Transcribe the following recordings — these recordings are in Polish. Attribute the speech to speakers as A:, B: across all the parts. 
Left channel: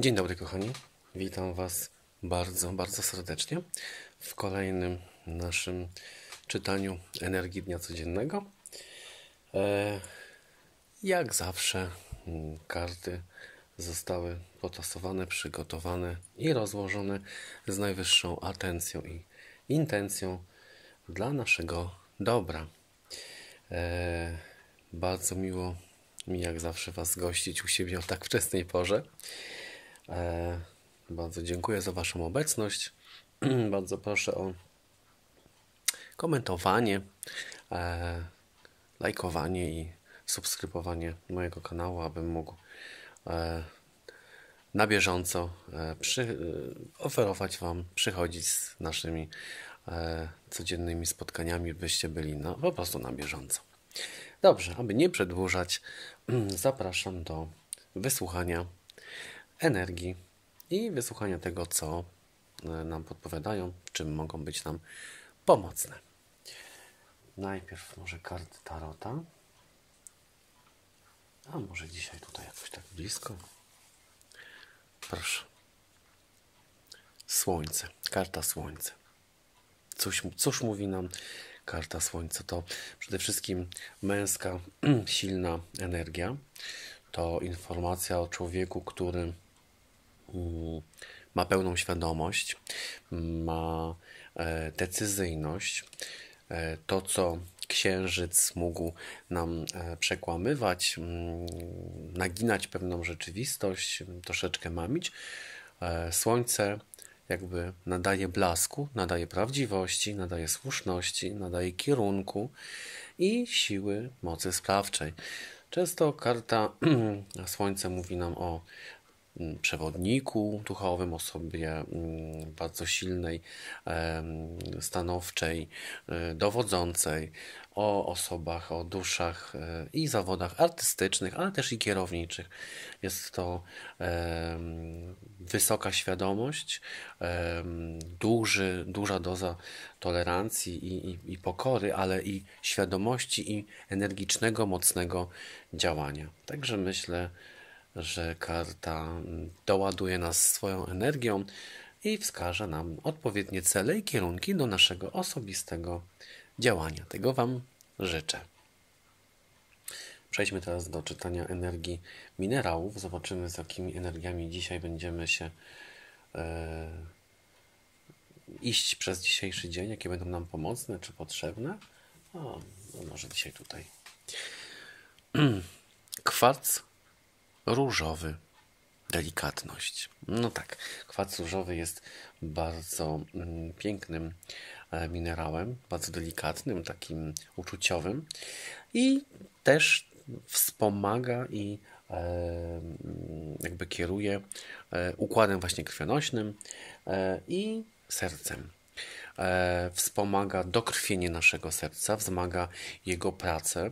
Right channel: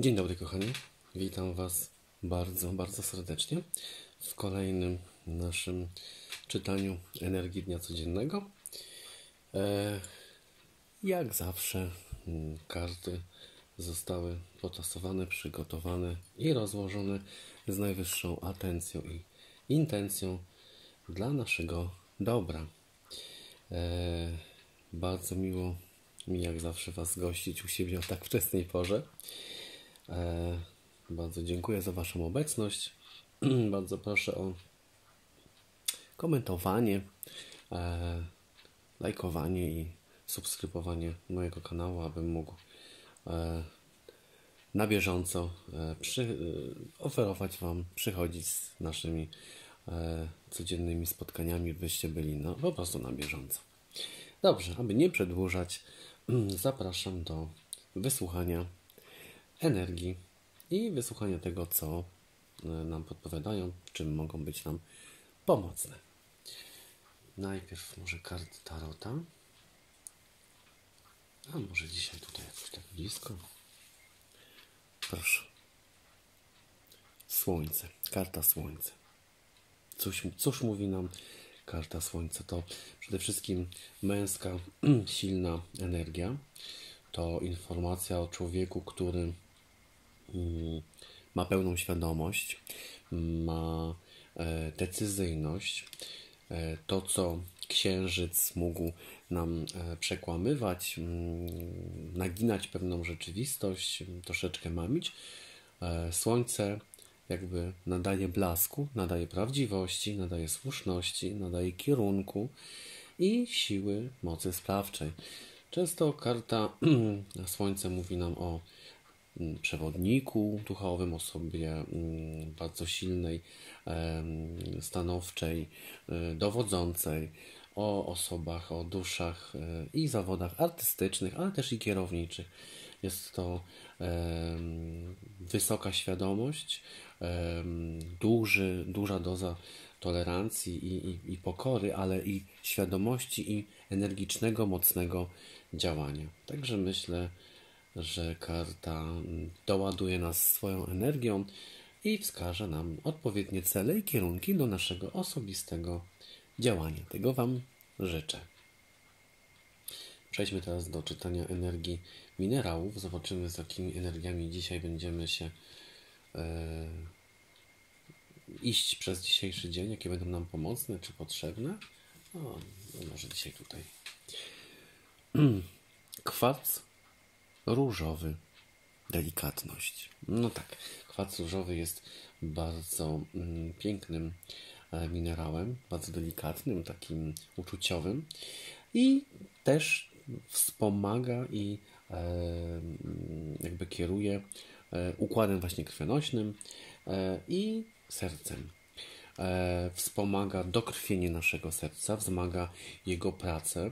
A: Dzień dobry, kochani. Witam Was bardzo, bardzo serdecznie w kolejnym naszym czytaniu energii dnia codziennego. E, jak zawsze, mm, karty zostały potasowane, przygotowane i rozłożone z najwyższą atencją i intencją dla naszego dobra. E, bardzo miło mi, jak zawsze, Was gościć u siebie o tak wczesnej porze. E, bardzo dziękuję za Waszą obecność. bardzo proszę o komentowanie, e, lajkowanie i subskrybowanie mojego kanału, abym mógł e, na bieżąco przy, oferować Wam, przychodzić z naszymi codziennymi spotkaniami, byście byli no, po prostu na bieżąco. Dobrze, aby nie przedłużać, zapraszam do wysłuchania energii i wysłuchania tego, co e, nam podpowiadają, czym mogą być nam pomocne. Najpierw może karty Tarota. A może dzisiaj tutaj jakoś tak blisko. Proszę. Słońce. Karta Słońce. Cóż, cóż mówi nam karta Słońce? To przede wszystkim męska, silna energia. To informacja o człowieku, który ma pełną świadomość, ma e, decyzyjność. E, to, co księżyc mógł nam e, przekłamywać, naginać pewną rzeczywistość, troszeczkę mamić, słońce jakby nadaje blasku, nadaje prawdziwości, nadaje słuszności, nadaje kierunku i siły mocy sprawczej. Często karta Słońce mówi nam o przewodniku duchowym, osobie mm, bardzo silnej, stanowczej, e, dowodzącej, o osobach, o duszach e, i zawodach artystycznych, ale też i kierowniczych. Jest to wysoka świadomość, duży, duża doza tolerancji i, i, i pokory, ale i świadomości i energicznego, mocnego działania. Także myślę, że karta doładuje nas swoją energią i wskaże nam odpowiednie cele i kierunki do naszego osobistego działania. Tego Wam życzę. Przejdźmy teraz do czytania energii minerałów. Zobaczymy, z jakimi energiami dzisiaj będziemy się e, iść przez dzisiejszy dzień, jakie będą nam pomocne czy potrzebne. O, może dzisiaj tutaj. Kwarc różowy. Delikatność. No tak, kwarc różowy jest bardzo mm, pięknym e, minerałem, bardzo delikatnym, takim uczuciowym i też wspomaga i e, mm, jakby kieruje e, układem właśnie krwionośnym i sercem. E, wspomaga dokrwienie naszego serca, wzmaga jego pracę,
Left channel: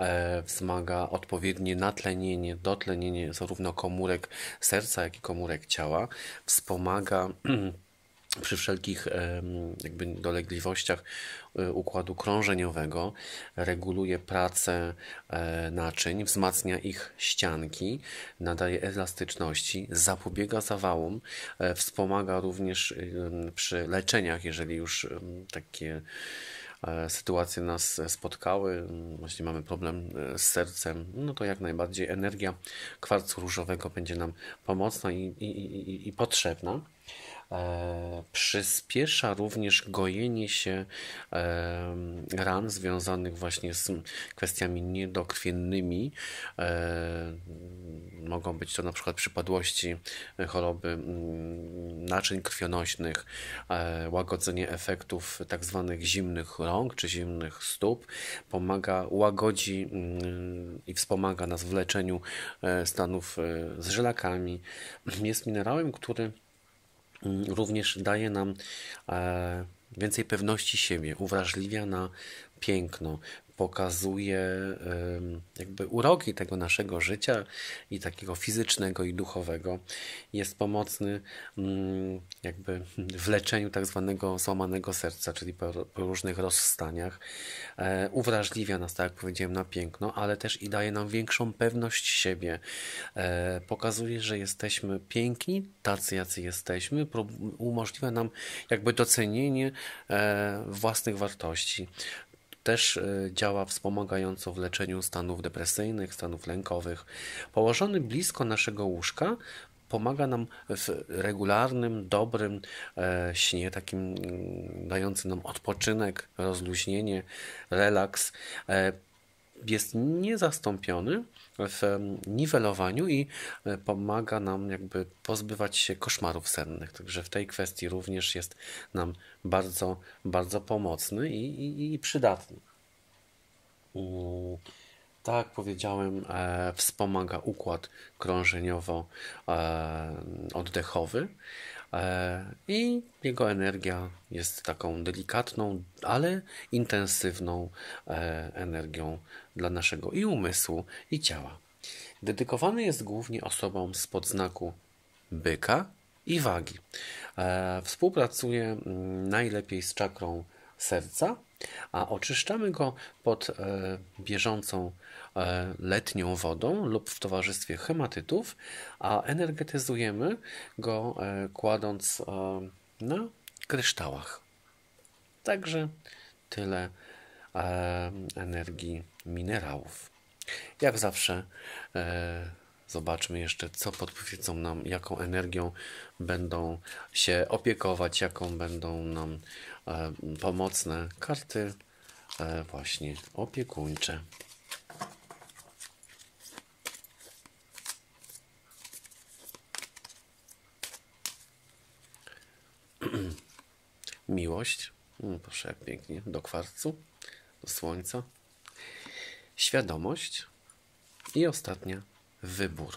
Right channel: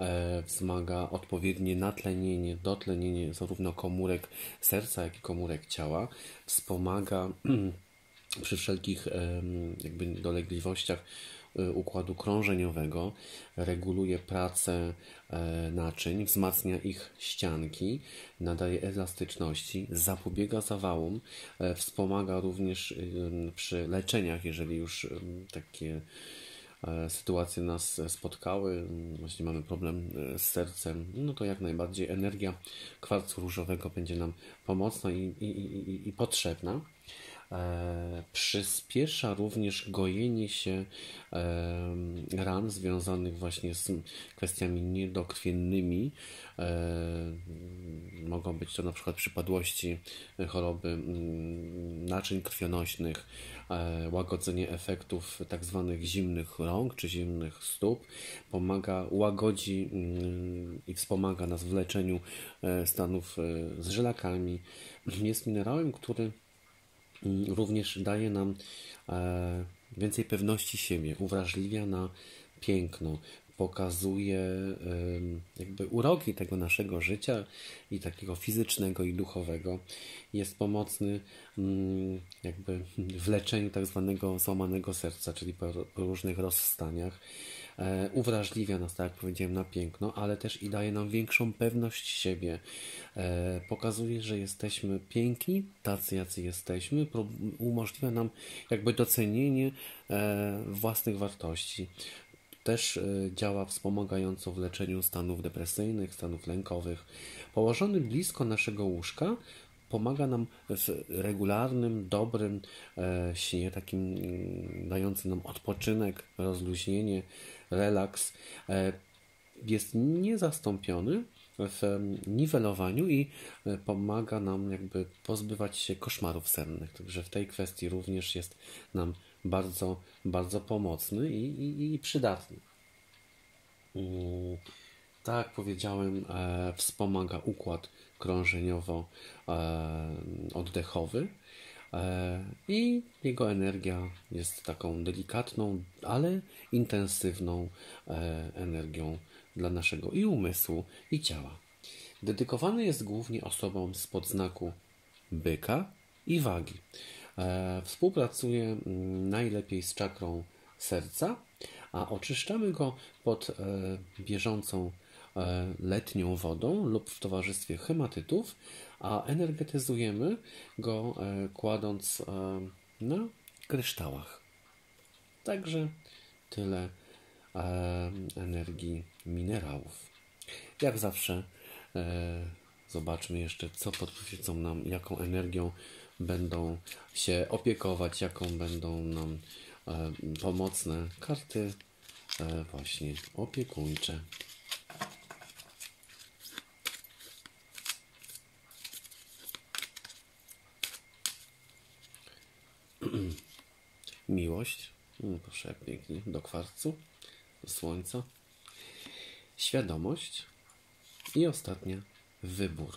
A: e, wzmaga odpowiednie natlenienie, dotlenienie zarówno komórek serca, jak i komórek ciała, wspomaga przy wszelkich jakby dolegliwościach y, układu krążeniowego, reguluje pracę e, naczyń, wzmacnia ich ścianki, nadaje elastyczności, zapobiega zawałom, e, wspomaga również przy leczeniach, jeżeli już takie e, sytuacje nas spotkały, właśnie mamy problem z sercem, no to jak najbardziej energia kwarcu różowego będzie nam pomocna i, i, i, i potrzebna. E, przyspiesza również gojenie się e, ran związanych właśnie z kwestiami niedokrwiennymi. E, mogą być to na przykład przypadłości choroby mm, naczyń krwionośnych, łagodzenie efektów tak zwanych zimnych rąk czy zimnych stóp. Pomaga, łagodzi mm, i wspomaga nas w leczeniu stanów z żylakami. Jest minerałem, który również daje nam e, więcej pewności siebie, uwrażliwia na piękno, pokazuje jakby uroki tego naszego życia i takiego fizycznego i duchowego. Jest pomocny mm, jakby w leczeniu tak zwanego złamanego serca, czyli po, różnych rozstaniach. E, uwrażliwia nas, tak jak powiedziałem, na piękno, ale też i daje nam większą pewność siebie. E, pokazuje, że jesteśmy piękni, tacy jacy jesteśmy, umożliwia nam jakby docenienie e, własnych wartości też e, działa wspomagająco w leczeniu stanów depresyjnych, stanów lękowych. Położony blisko naszego łóżka pomaga nam w regularnym, dobrym e, śnie, takim mm, dającym nam odpoczynek, rozluźnienie, relaks. E, jest niezastąpiony w niwelowaniu i pomaga nam jakby pozbywać się koszmarów sennych. Także w tej kwestii również jest nam bardzo, bardzo pomocny i, i, i przydatny. Tak jak powiedziałem, e, wspomaga układ krążeniowo-oddechowy e, i jego energia jest taką delikatną, ale intensywną e, energią dla naszego i umysłu, i ciała. Dedykowany jest głównie osobom z podznaku byka i wagi. E, współpracuje mm, najlepiej z czakrą serca, a oczyszczamy go pod e, bieżącą e, letnią wodą lub w towarzystwie hematytów, a energetyzujemy go kładąc na kryształach. Także tyle energii minerałów. Jak zawsze zobaczmy jeszcze, co podpowiedzą nam, jaką energią będą się opiekować, jaką będą nam e, pomocne karty e, właśnie opiekuńcze. Miłość. Mm, proszę, jak pięknie. Do kwarcu, do słońca. Świadomość. I ostatnia, wybór.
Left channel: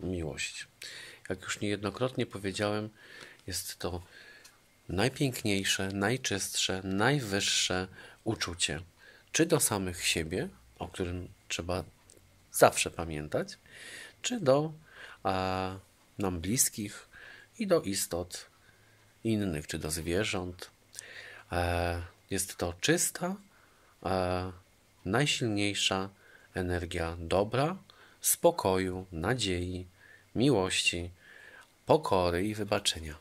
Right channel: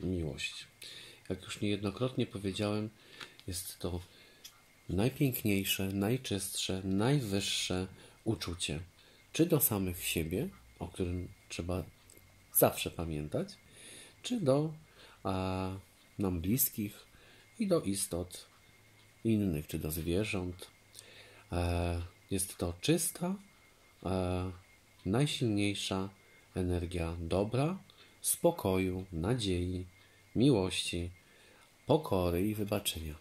A: Miłość jak już niejednokrotnie powiedziałem, jest to najpiękniejsze, najczystsze, najwyższe uczucie. Czy do samych siebie, o którym trzeba zawsze pamiętać, czy do a, nam bliskich i do istot innych, czy do zwierząt. E, jest to czysta, e, najsilniejsza energia dobra, spokoju, nadziei, miłości, pokory i wybaczenia.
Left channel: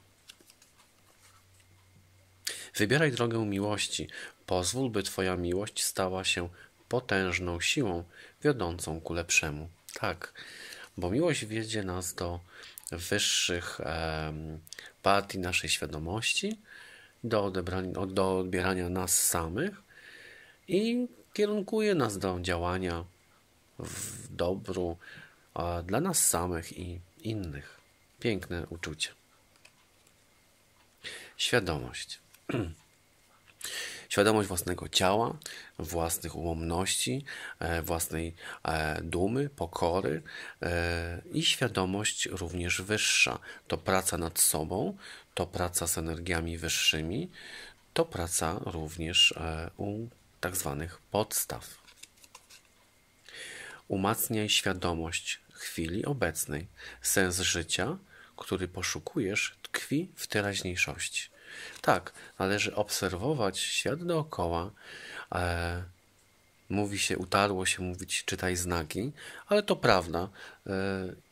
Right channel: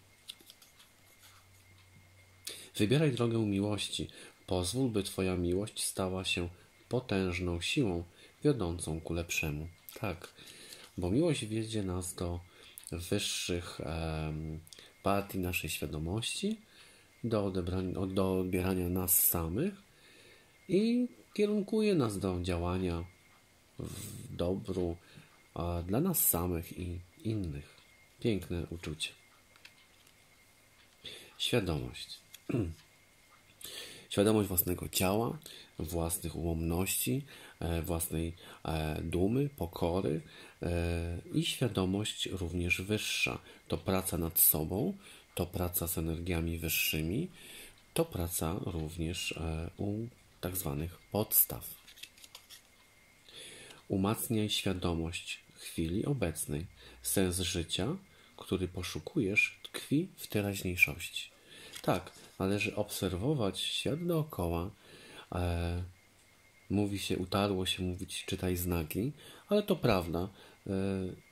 A: Wybieraj drogę miłości. Pozwól, by Twoja miłość stała się potężną siłą wiodącą ku lepszemu. Tak, bo miłość wiedzie nas do wyższych partii naszej świadomości, do, odebrania, do odbierania nas samych i kierunkuje nas do działania w dobru, dla nas samych i innych. Piękne uczucie. Świadomość. Świadomość własnego ciała, własnych ułomności, e, własnej e, dumy, pokory e, i świadomość również wyższa. To praca nad sobą, to praca z energiami wyższymi, to praca również u tak zwanych podstaw. Umacniaj świadomość chwili obecnej. Sens życia, który poszukujesz, tkwi w teraźniejszości. Tak, należy obserwować świat dookoła. E, mówi się, utarło się mówić, czytaj znaki, ale to prawda. E,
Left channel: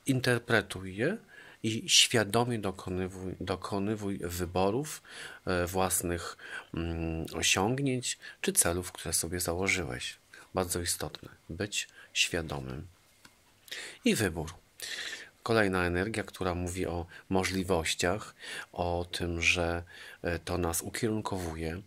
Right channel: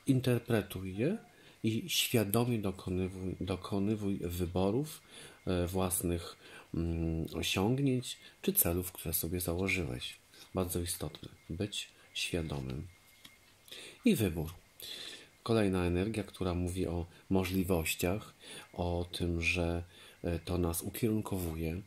A: interpretuj je i świadomie dokonywuj, dokonywuj wyborów e, własnych mm, osiągnięć czy celów, które sobie założyłeś. Bardzo istotne być świadomym i wybór. Kolejna energia, która mówi o możliwościach, o tym, że to nas ukierunkowuje.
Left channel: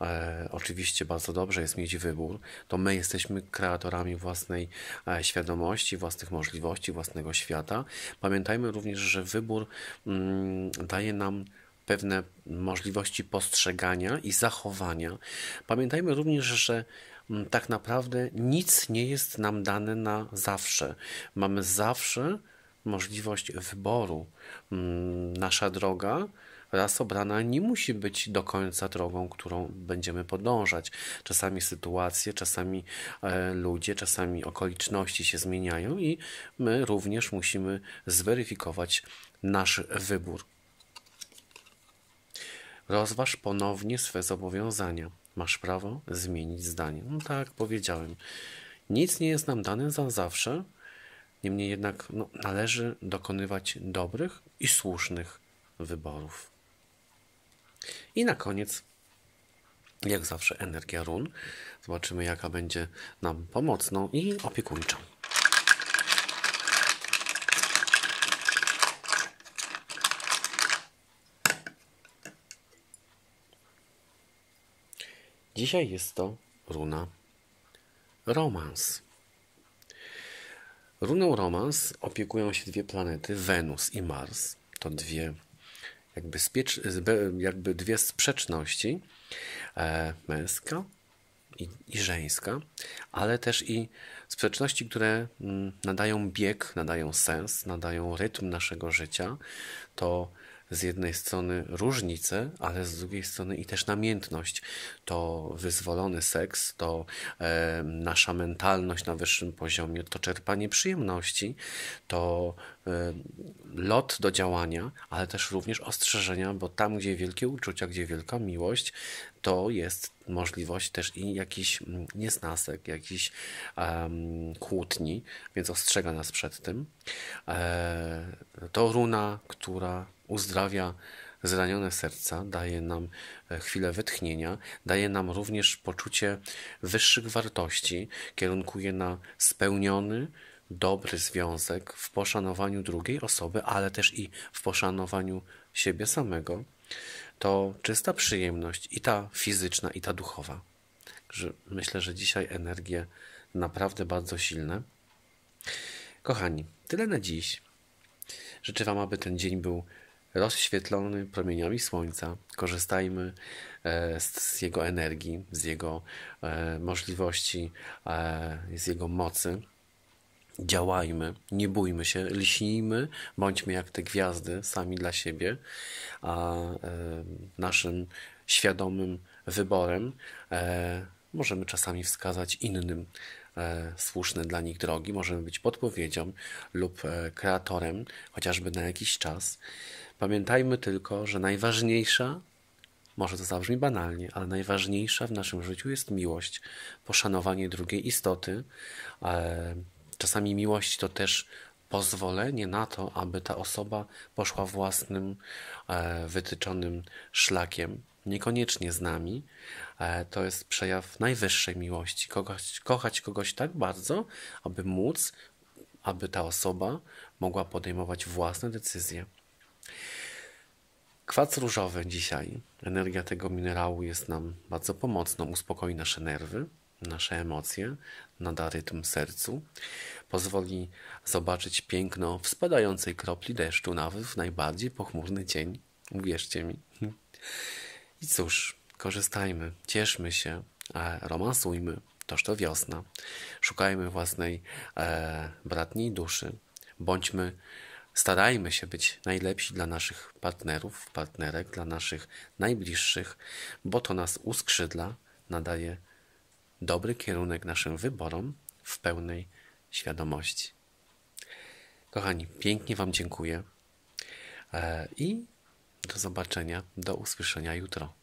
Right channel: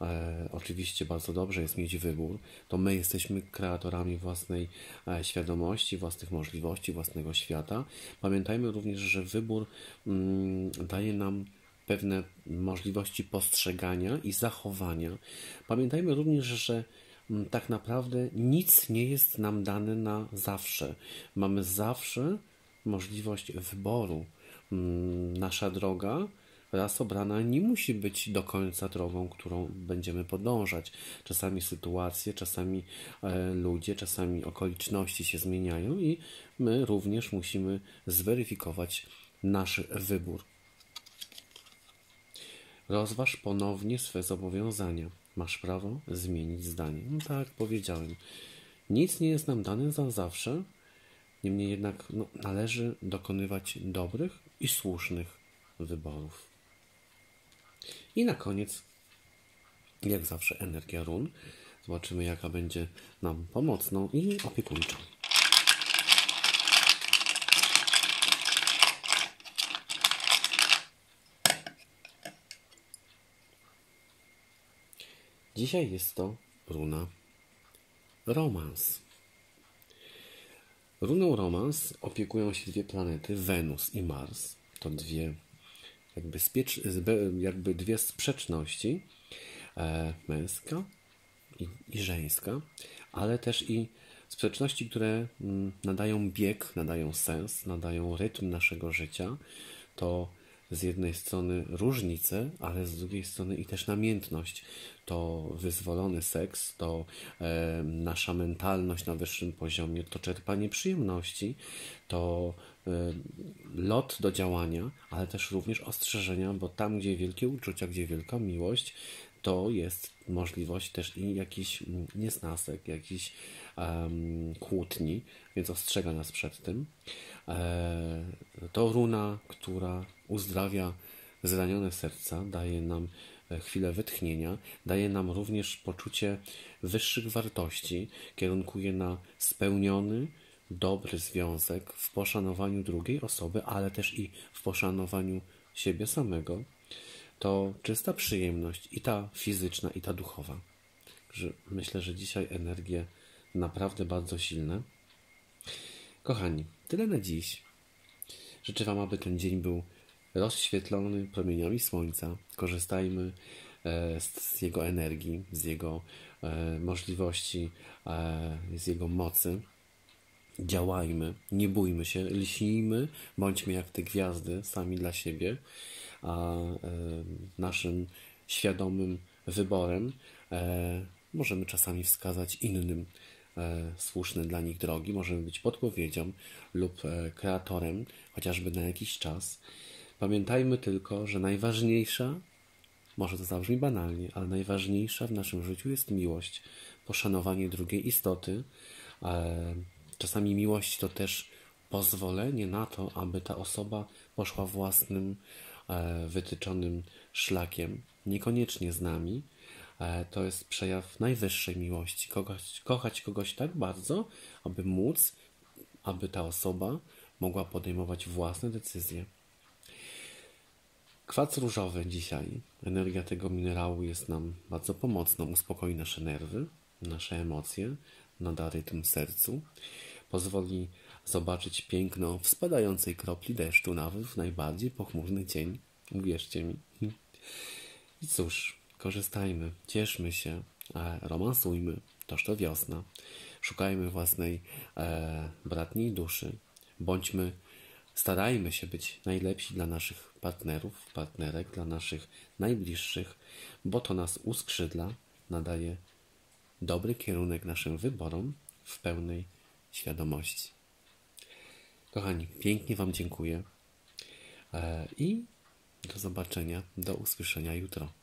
A: E, oczywiście bardzo dobrze jest mieć wybór. To my jesteśmy kreatorami własnej e, świadomości, własnych możliwości, własnego świata. Pamiętajmy również, że wybór mm, daje nam pewne możliwości postrzegania i zachowania. Pamiętajmy również, że Mm, tak naprawdę nic nie jest nam dane na zawsze. Mamy zawsze możliwość wyboru. Mm, nasza droga raz obrana nie musi być do końca drogą, którą będziemy podążać. Czasami sytuacje, czasami e, ludzie, czasami okoliczności się zmieniają i my również musimy zweryfikować nasz wybór. Rozważ ponownie swe zobowiązania. Masz prawo zmienić zdanie. No tak, powiedziałem. Nic nie jest nam dane za zawsze, niemniej jednak no, należy dokonywać dobrych i słusznych wyborów. I na koniec, jak zawsze, energia run. Zobaczymy, jaka będzie nam pomocną i opiekuńczą. Dzisiaj jest to runa romans. Runą romans opiekują się dwie planety, Wenus i Mars. To dwie jakby, spiecz, jakby dwie sprzeczności, e, męska i, i żeńska, ale też i sprzeczności, które mm, nadają bieg, nadają sens, nadają rytm naszego życia. To z jednej strony różnice, ale z drugiej strony i też namiętność. To wyzwolony seks, to e, nasza mentalność na wyższym poziomie, to czerpanie przyjemności, to e, lot do działania, ale też również ostrzeżenia, bo tam, gdzie wielkie uczucia, gdzie wielka miłość, to jest możliwość też i jakiś mm, niesnasek, jakiś um, kłótni, więc ostrzega nas przed tym. E, to runa, która uzdrawia zranione serca, daje nam e, chwilę wytchnienia, daje nam również poczucie wyższych wartości, kierunkuje na spełniony, dobry związek w poszanowaniu drugiej osoby, ale też i w poszanowaniu siebie samego to czysta przyjemność i ta fizyczna, i ta duchowa. Myślę, że dzisiaj energie naprawdę bardzo silne. Kochani, tyle na dziś. Życzę Wam, aby ten dzień był rozświetlony promieniami słońca. Korzystajmy e, z jego energii, z jego e, możliwości, e, z jego mocy działajmy, nie bójmy się, lśnijmy, bądźmy jak te gwiazdy sami dla siebie, a naszym świadomym wyborem możemy czasami wskazać innym słuszne dla nich drogi, możemy być podpowiedzią lub kreatorem, chociażby na jakiś czas. Pamiętajmy tylko, że najważniejsza, może to zabrzmi banalnie, ale najważniejsza w naszym życiu jest miłość, poszanowanie drugiej istoty, Czasami miłość to też pozwolenie na to, aby ta osoba poszła własnym e, wytyczonym szlakiem, niekoniecznie z nami. E, to jest przejaw najwyższej miłości. Kogoś, kochać kogoś tak bardzo, aby móc, aby ta osoba mogła podejmować własne decyzje. Kwac różowy dzisiaj, energia tego minerału jest nam bardzo pomocną, uspokoi nasze nerwy, nasze emocje, nada rytm sercu, pozwoli zobaczyć piękno w spadającej kropli deszczu nawet w najbardziej pochmurny dzień. Uwierzcie mi. I cóż, korzystajmy, cieszmy się, romansujmy. Toż to wiosna. Szukajmy własnej e, bratniej duszy. Bądźmy, starajmy się być najlepsi dla naszych partnerów, partnerek, dla naszych najbliższych, bo to nas uskrzydla, nadaje dobry kierunek naszym wyborom w pełnej świadomości. Kochani, pięknie Wam dziękuję e, i do zobaczenia, do usłyszenia jutro.